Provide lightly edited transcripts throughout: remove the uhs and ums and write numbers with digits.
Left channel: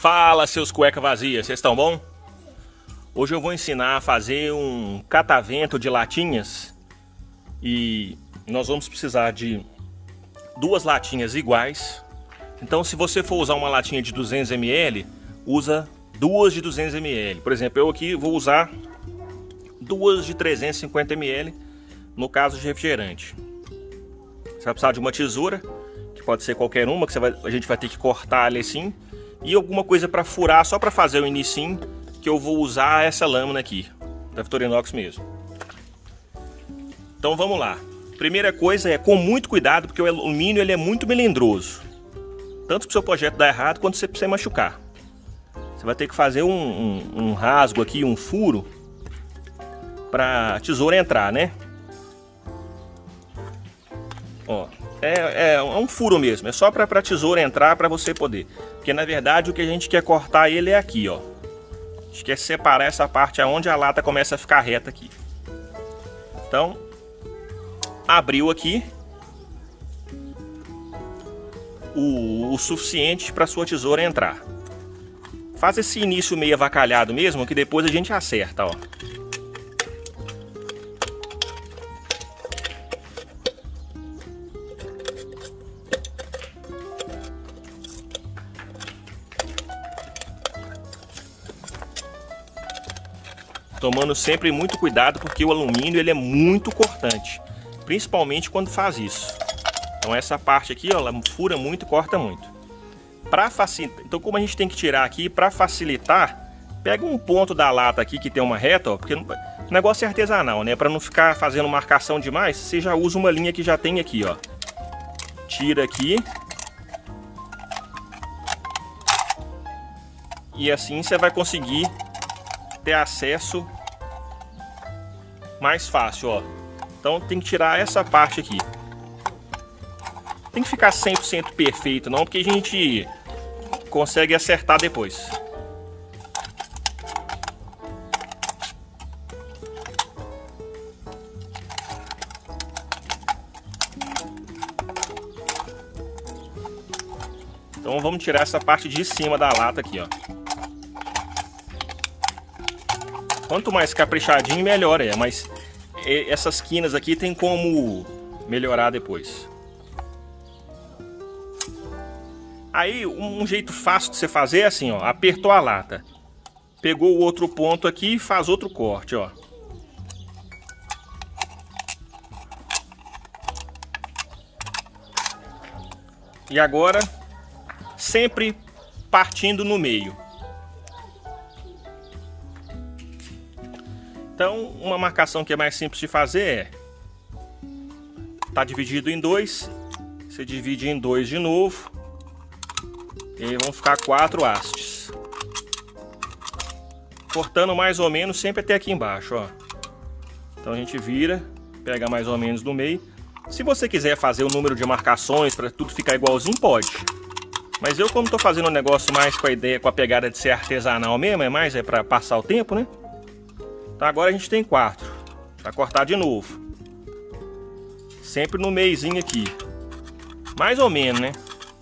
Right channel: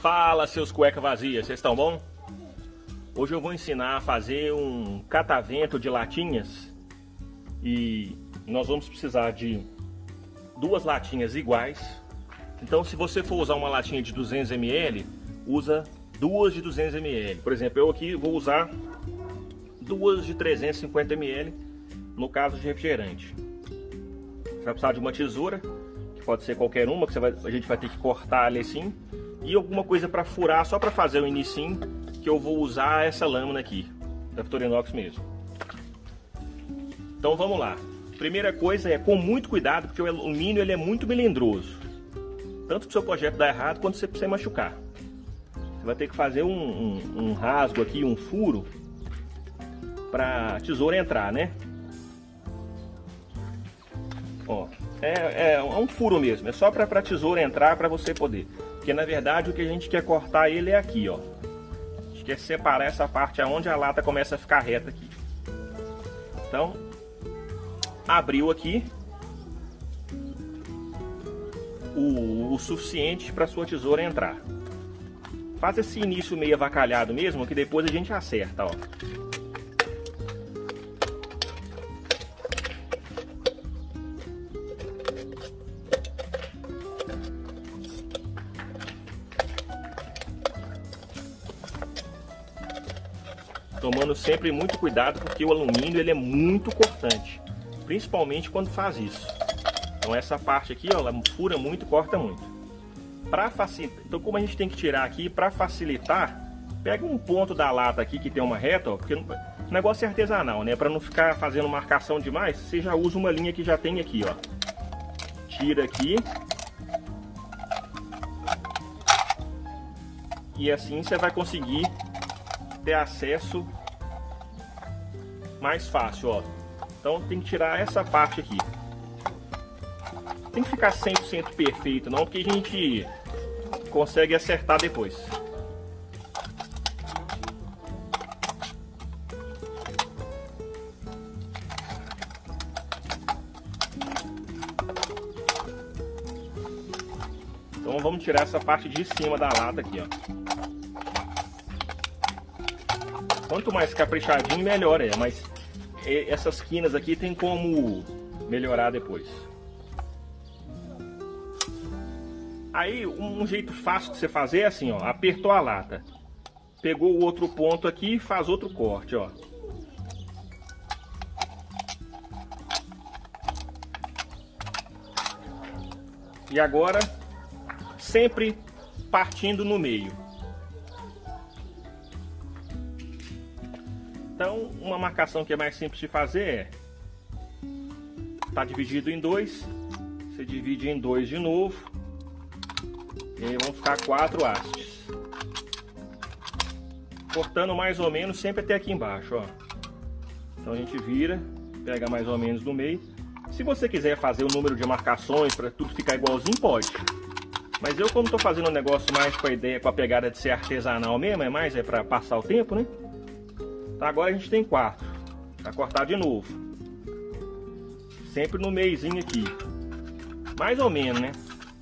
Fala, seus cueca vazias, vocês estão bom? Hoje eu vou ensinar a fazer um catavento de latinhas e nós vamos precisar de duas latinhas iguais. Então, se você for usar uma latinha de 200 ml, usa duas de 200 ml. Por exemplo, eu aqui vou usar duas de 350 ml no caso de refrigerante. Você vai precisar de uma tesoura, que pode ser qualquer uma, que a gente vai ter que cortar ali assim, e alguma coisa para furar, só para fazer o inicinho, que eu vou usar essa lâmina aqui, da Victorinox mesmo. Então vamos lá. Primeira coisa é com muito cuidado, porque o alumínio ele é muito melindroso. Tanto para o seu projeto dar errado, quanto para você machucar. Você vai ter que fazer um rasgo aqui, um furo, para a tesoura entrar, né? Ó, é um furo mesmo, é só para a tesoura entrar, para você poder. Porque na verdade o que a gente quer cortar ele é aqui, ó. A gente quer separar essa parte aonde a lata começa a ficar reta aqui. Então, abriu aqui o suficiente para sua tesoura entrar. Faz esse início meio avacalhado mesmo, que depois a gente acerta, ó. Tomando sempre muito cuidado, porque o alumínio ele é muito cortante, principalmente quando faz isso. Então essa parte aqui, ó, ela fura muito, corta muito. Para facilitar, então como a gente tem que tirar aqui, para facilitar, pega um ponto da lata aqui que tem uma reta, ó, porque o negócio é artesanal, né? Para não ficar fazendo marcação demais, você já usa uma linha que já tem aqui, ó. Tira aqui. E assim você vai conseguir ter acesso mais fácil, ó. Então tem que tirar essa parte aqui. Tem que ficar 100% perfeito não, porque a gente consegue acertar depois. Então vamos tirar essa parte de cima da lata aqui, ó. Quanto mais caprichadinho, melhor é. Mas essas quinas aqui tem como melhorar depois. Aí, um jeito fácil de você fazer é assim, ó. Apertou a lata. Pegou o outro ponto aqui e faz outro corte, ó. E agora, sempre partindo no meio. Então, uma marcação que é mais simples de fazer é: tá dividido em dois, você divide em dois de novo, e aí vão ficar 4 hastes. Cortando mais ou menos sempre até aqui embaixo, ó. Então a gente vira, pega mais ou menos no meio. Se você quiser fazer o número de marcações para tudo ficar igualzinho, pode. Mas eu, como tô fazendo um negócio mais com a ideia, com a pegada de ser artesanal mesmo, é para passar o tempo, né? Então agora a gente tem 4. Vai cortar de novo. Sempre no meiozinho aqui. Mais ou menos, né?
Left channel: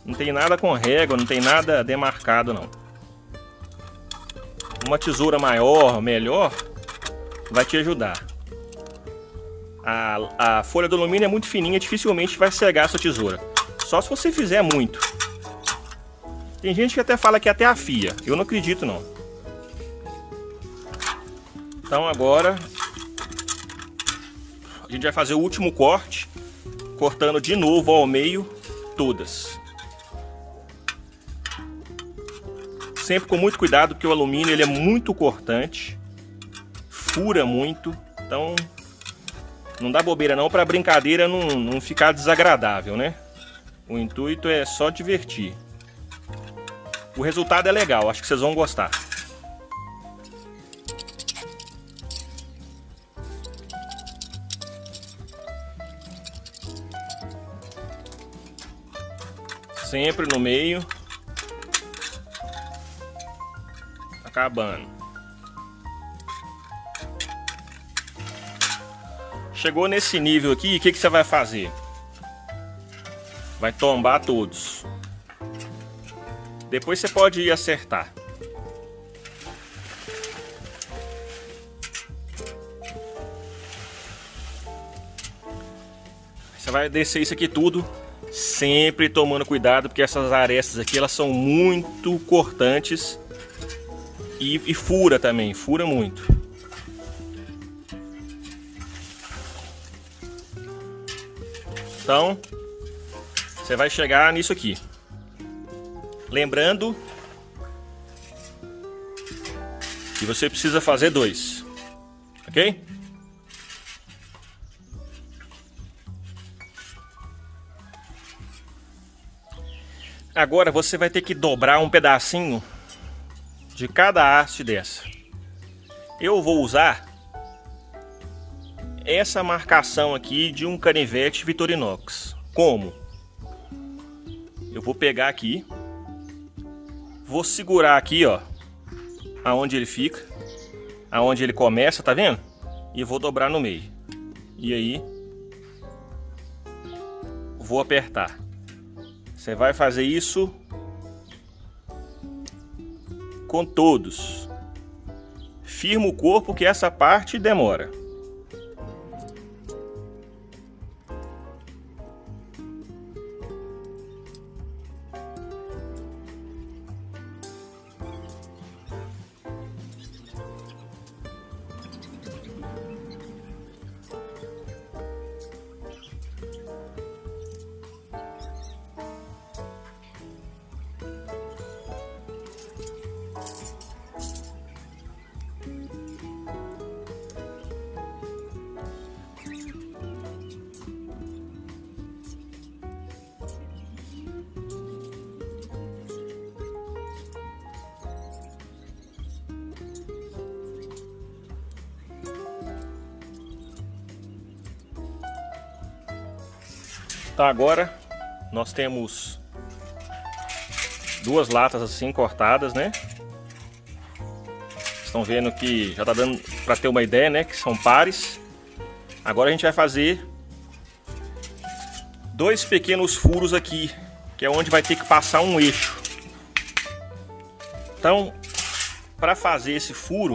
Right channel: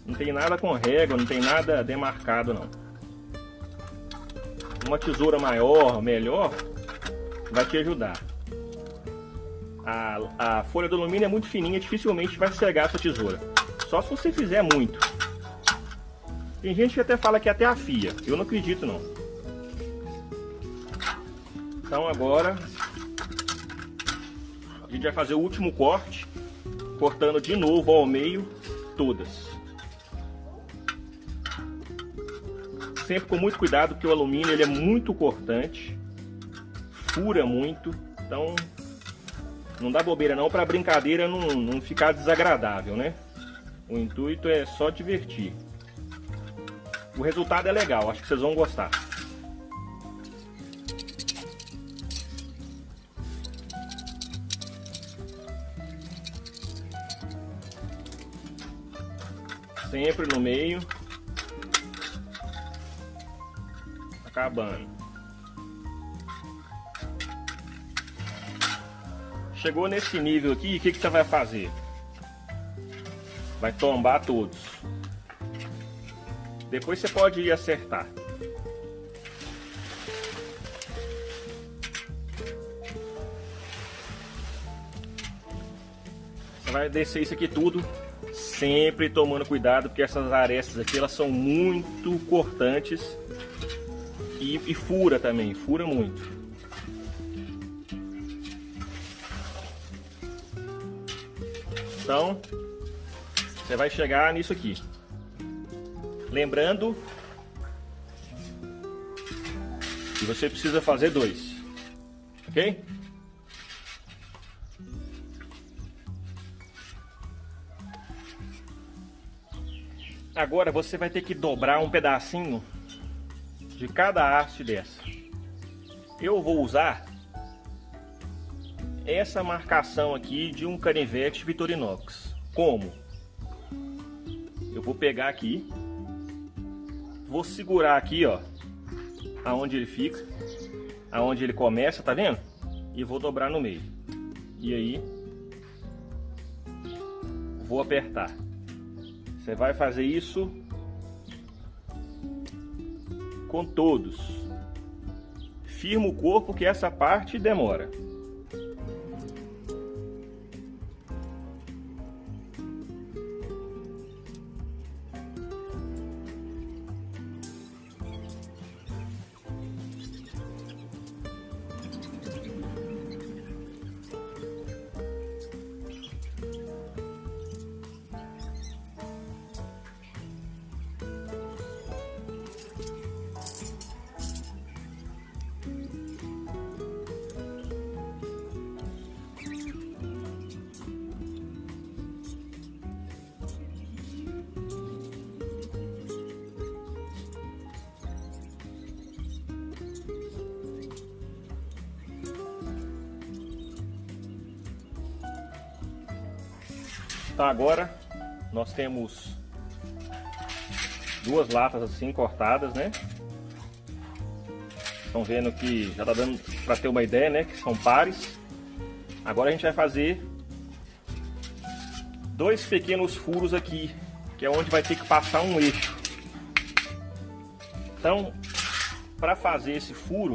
Não tem nada com régua, não tem nada demarcado, não. Uma tesoura maior, melhor, vai te ajudar. A folha do alumínio é muito fininha, dificilmente vai cegar a sua tesoura. Só se você fizer muito. Tem gente que até fala que até afia. Eu não acredito, não. Então agora a gente vai fazer o último corte, cortando de novo ao meio todas. Sempre com muito cuidado, porque o alumínio ele é muito cortante, fura muito, então não dá bobeira não, para a brincadeira não ficar desagradável, né? O intuito é só divertir. O resultado é legal, acho que vocês vão gostar. Sempre no meio. Acabando. Chegou nesse nível aqui, o que você vai fazer? Vai tombar todos. Depois você pode ir acertar. Você vai descer isso aqui tudo, sempre tomando cuidado, porque essas arestas aqui, elas são muito cortantes e fura também, fura muito. Então, você vai chegar nisso aqui. Lembrando que você precisa fazer 2, ok? Agora você vai ter que dobrar um pedacinho de cada haste dessa. Eu vou usar essa marcação aqui de um canivete Victorinox. Como? Eu vou pegar aqui, vou segurar aqui, ó, aonde ele fica, aonde ele começa, tá vendo? E vou dobrar no meio. E aí, vou apertar. Você vai fazer isso com todos. Firma o corpo que essa parte demora. Então agora nós temos 2 latas assim cortadas, né? Estão vendo que já tá dando para ter uma ideia, né? Que são pares. Agora a gente vai fazer 2 pequenos furos aqui, que é onde vai ter que passar um eixo. Então, para fazer esse furo,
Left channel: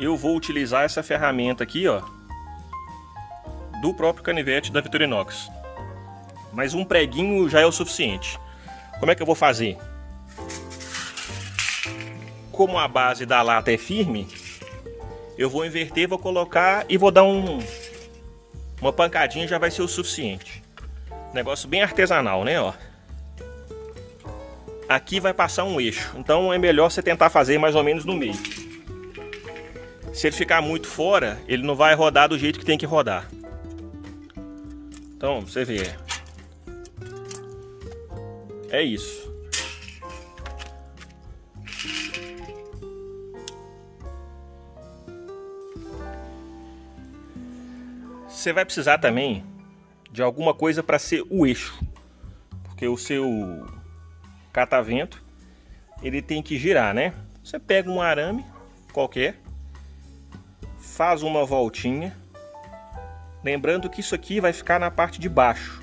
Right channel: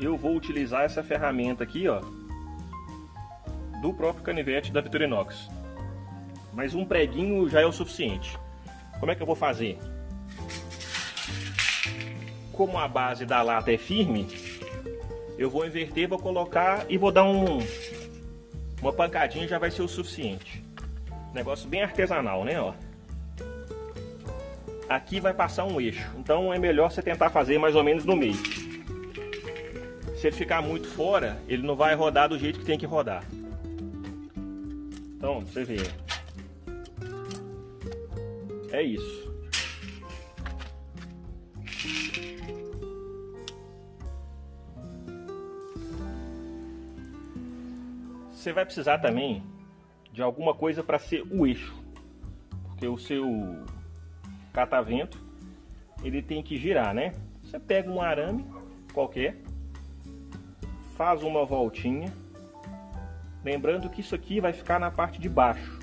eu vou utilizar essa ferramenta aqui, ó, do próprio canivete da Victorinox. Mas um preguinho já é o suficiente. Como é que eu vou fazer? Como a base da lata é firme, eu vou inverter, vou colocar e vou dar uma pancadinha, já vai ser o suficiente. Negócio bem artesanal, né? Ó. Aqui vai passar um eixo, então é melhor você tentar fazer mais ou menos no meio. Se ele ficar muito fora, ele não vai rodar do jeito que tem que rodar. Então, você vê. É isso. Você vai precisar também de alguma coisa para ser o eixo, porque o seu catavento ele tem que girar, né? Você pega um arame qualquer, faz uma voltinha, lembrando que isso aqui vai ficar na parte de baixo.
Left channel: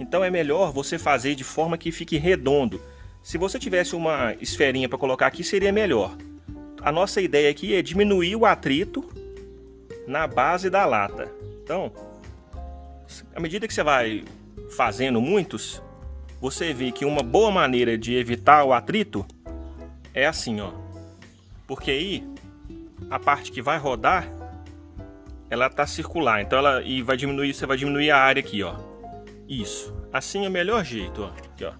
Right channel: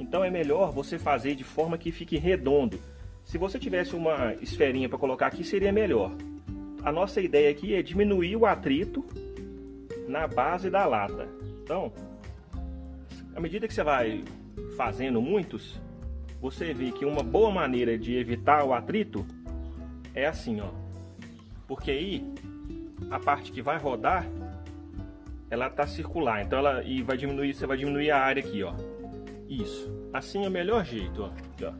Então é melhor você fazer de forma que fique redondo. Se você tivesse uma esferinha para colocar aqui, seria melhor. A nossa ideia aqui é diminuir o atrito na base da lata. Então, à medida que você vai fazendo muitos, você vê que uma boa maneira de evitar o atrito é assim, ó. Porque aí, a parte que vai rodar, ela tá circular. Então você vai diminuir a área aqui, ó. Isso, assim é o melhor jeito, ó. Aqui, ó.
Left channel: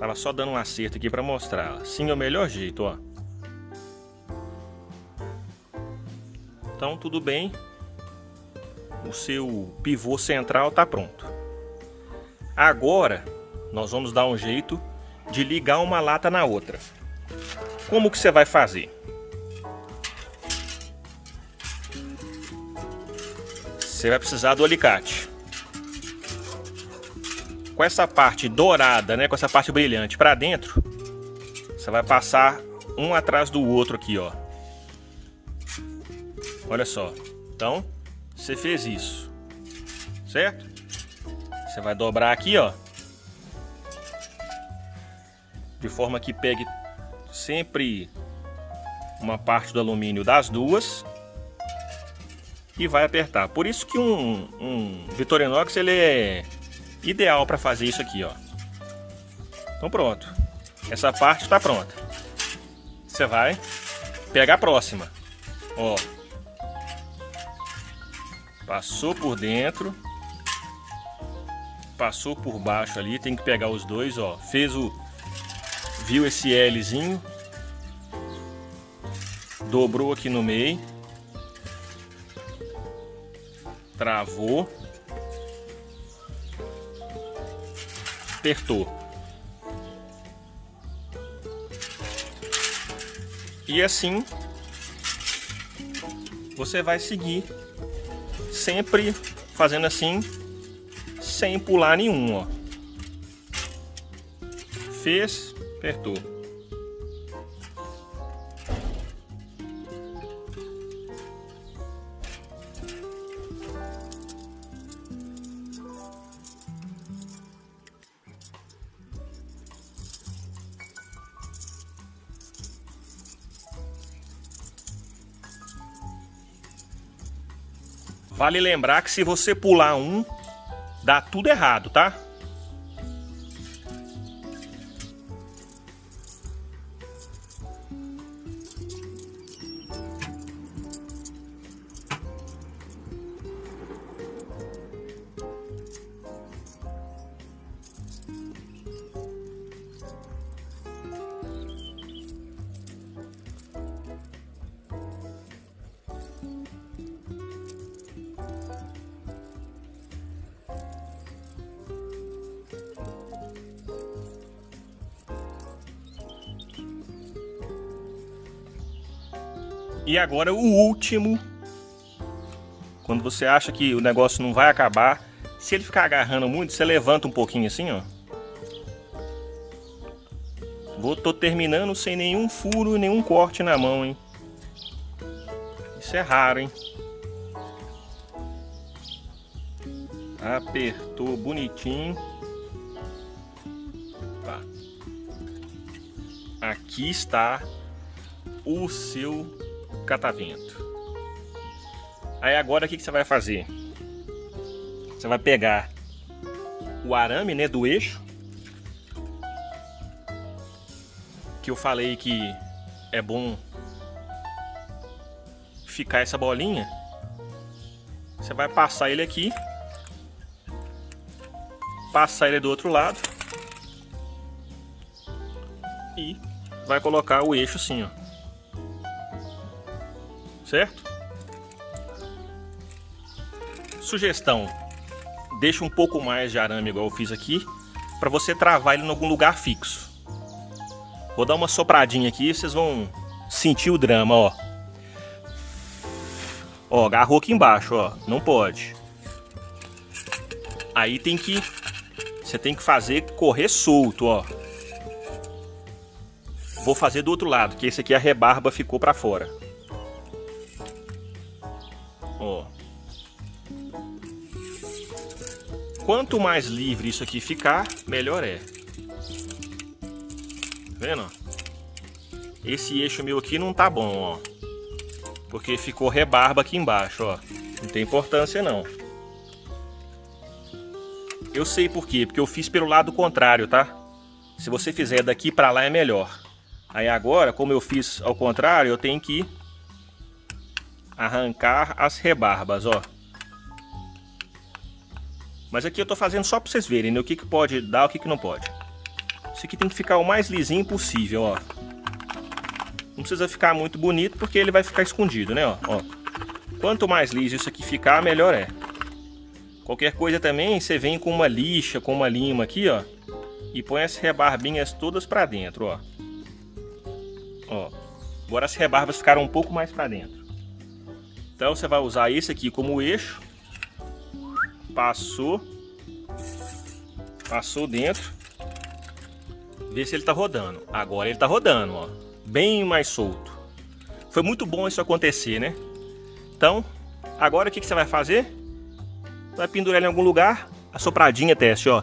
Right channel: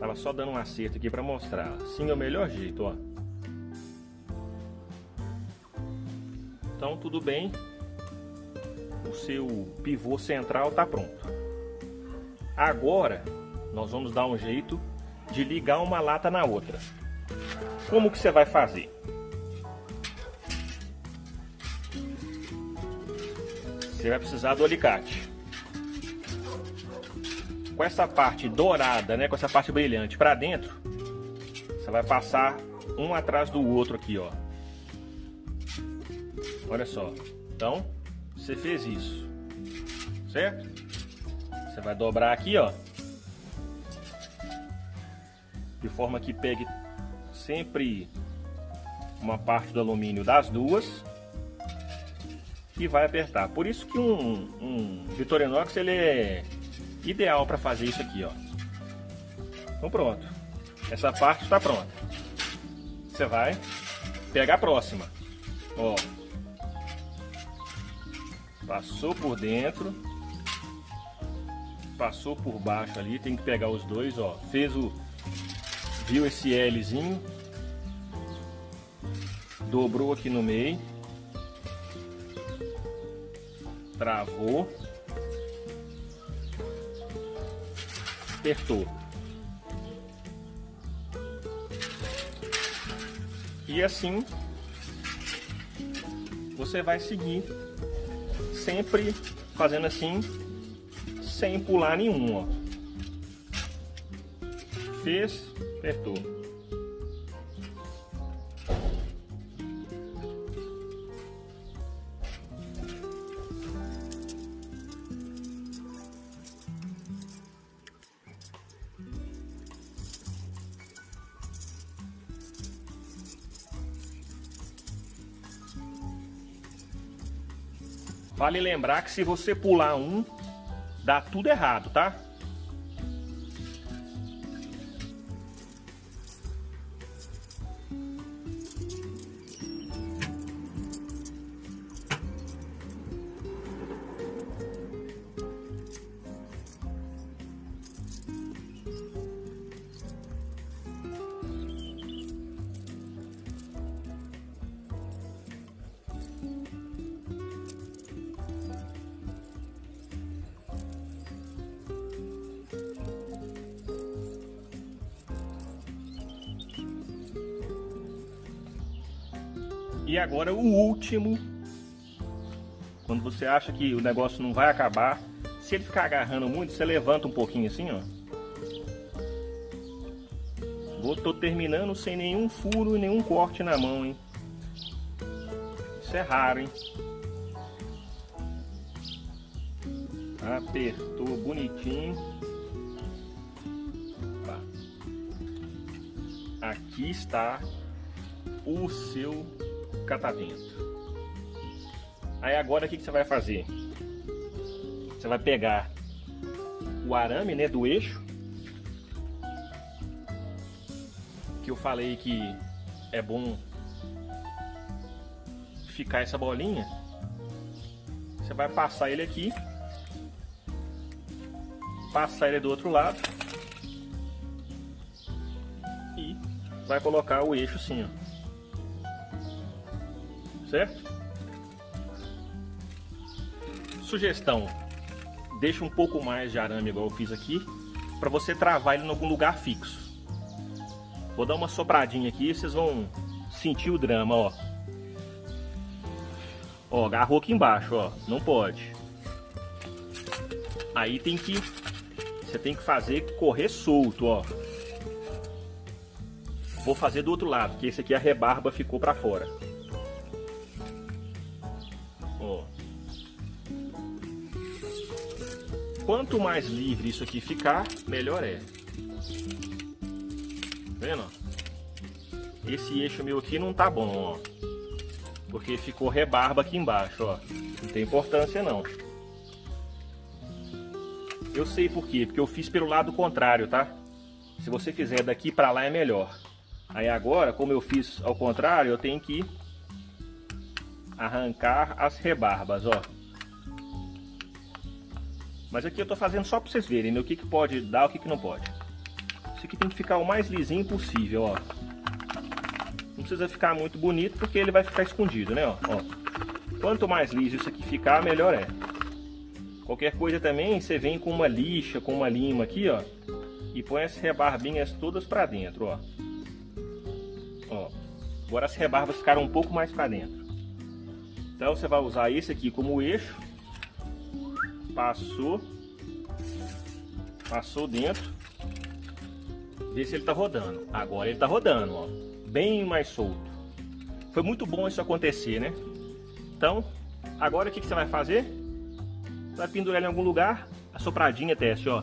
Tava só dando um acerto aqui para mostrar. Assim é o melhor jeito, ó. Então tudo bem. O seu pivô central tá pronto. Agora nós vamos dar um jeito de ligar uma lata na outra. Como que você vai fazer? Você vai precisar do alicate. Com essa parte dourada, né, com essa parte brilhante para dentro, você vai passar um atrás do outro aqui, ó. Olha só. Então, você fez isso, certo? Você vai dobrar aqui, ó. de forma que pegue sempre uma parte do alumínio das duas e vai apertar. Por isso que um Victorinox ele é ideal para fazer isso aqui, ó. Então pronto, essa parte está pronta. Você vai pegar a próxima, ó. Passou por dentro, passou por baixo ali, tem que pegar os dois, ó. Viu esse Lzinho, dobrou aqui no meio, travou, apertou. E assim você vai seguir, sempre fazendo assim, sem pular nenhum, ó. Fez, apertou. Vale lembrar que se você pular um, dá tudo errado, tá? E agora o último, quando você acha que o negócio não vai acabar, se ele ficar agarrando muito, você levanta um pouquinho assim, ó. Tô terminando sem nenhum furo e nenhum corte na mão, hein. Isso é raro, hein. Apertou bonitinho. Tá. Aqui está o seu catavento. Aí agora o que você vai fazer? Você vai pegar o arame, né, do eixo, que eu falei que é bom ficar essa bolinha. Você vai passar ele aqui, passar ele do outro lado e vai colocar o eixo assim, ó. Certo? Sugestão: deixa um pouco mais de arame igual eu fiz aqui, para você travar ele em algum lugar fixo. Vou dar uma sopradinha aqui, vocês vão sentir o drama, ó. Ó, agarrou aqui embaixo, ó, não pode. Aí você tem que fazer correr solto, ó. Vou fazer do outro lado, que esse aqui a rebarba ficou para fora. Ó. Quanto mais livre isso aqui ficar, melhor é. Vendo? Esse eixo meu aqui não tá bom, ó. Porque ficou rebarba aqui embaixo, ó. Não tem importância não. Eu sei por quê, porque eu fiz pelo lado contrário, tá? Se você fizer daqui pra lá é melhor. Aí agora, como eu fiz ao contrário, eu tenho que arrancar as rebarbas, ó. Mas aqui eu tô fazendo só pra vocês verem, né? O que pode dar, o que não pode. Isso aqui tem que ficar o mais lisinho possível, ó. Não precisa ficar muito bonito, porque ele vai ficar escondido, né, ó. Quanto mais liso isso aqui ficar, melhor é. Qualquer coisa também, você vem com uma lixa, com uma lima aqui, ó. E põe as rebarbinhas todas pra dentro, ó. Ó. Agora as rebarbas ficaram um pouco mais pra dentro. Então você vai usar esse aqui como eixo. Passou dentro. Vê se ele tá rodando. Agora ele tá rodando, ó. Bem mais solto. Foi muito bom isso acontecer, né? Então, agora o que você vai fazer? Vai pendurar ele em algum lugar. A sopradinha teste, ó.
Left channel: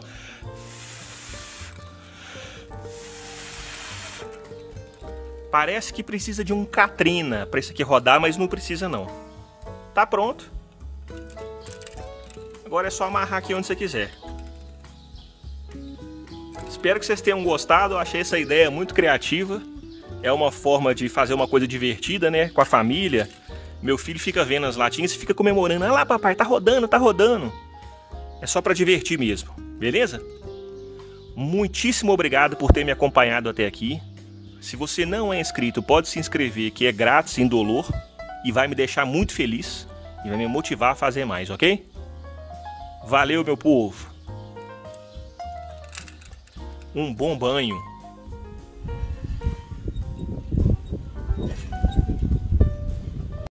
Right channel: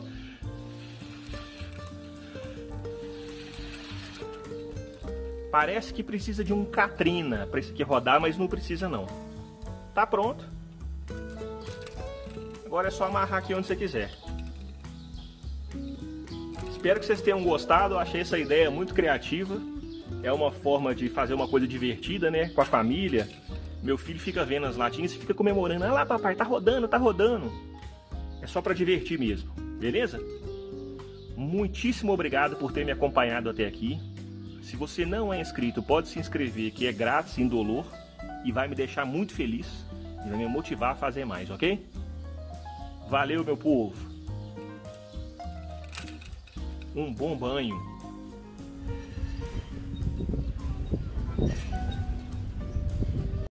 Parece que precisa de um Katrina para isso aqui rodar, mas não precisa não. Tá pronto. Agora é só amarrar aqui onde você quiser. Espero que vocês tenham gostado. Eu achei essa ideia muito criativa. É uma forma de fazer uma coisa divertida, né? Com a família. Meu filho fica vendo as latinhas e fica comemorando. Ah lá, papai, tá rodando, tá rodando. É só para divertir mesmo, beleza? Muitíssimo obrigado por ter me acompanhado até aqui. Se você não é inscrito, pode se inscrever, que é grátis, indolor. E vai me deixar muito feliz. E vai me motivar a fazer mais, ok? Valeu, meu povo. Um bom banho.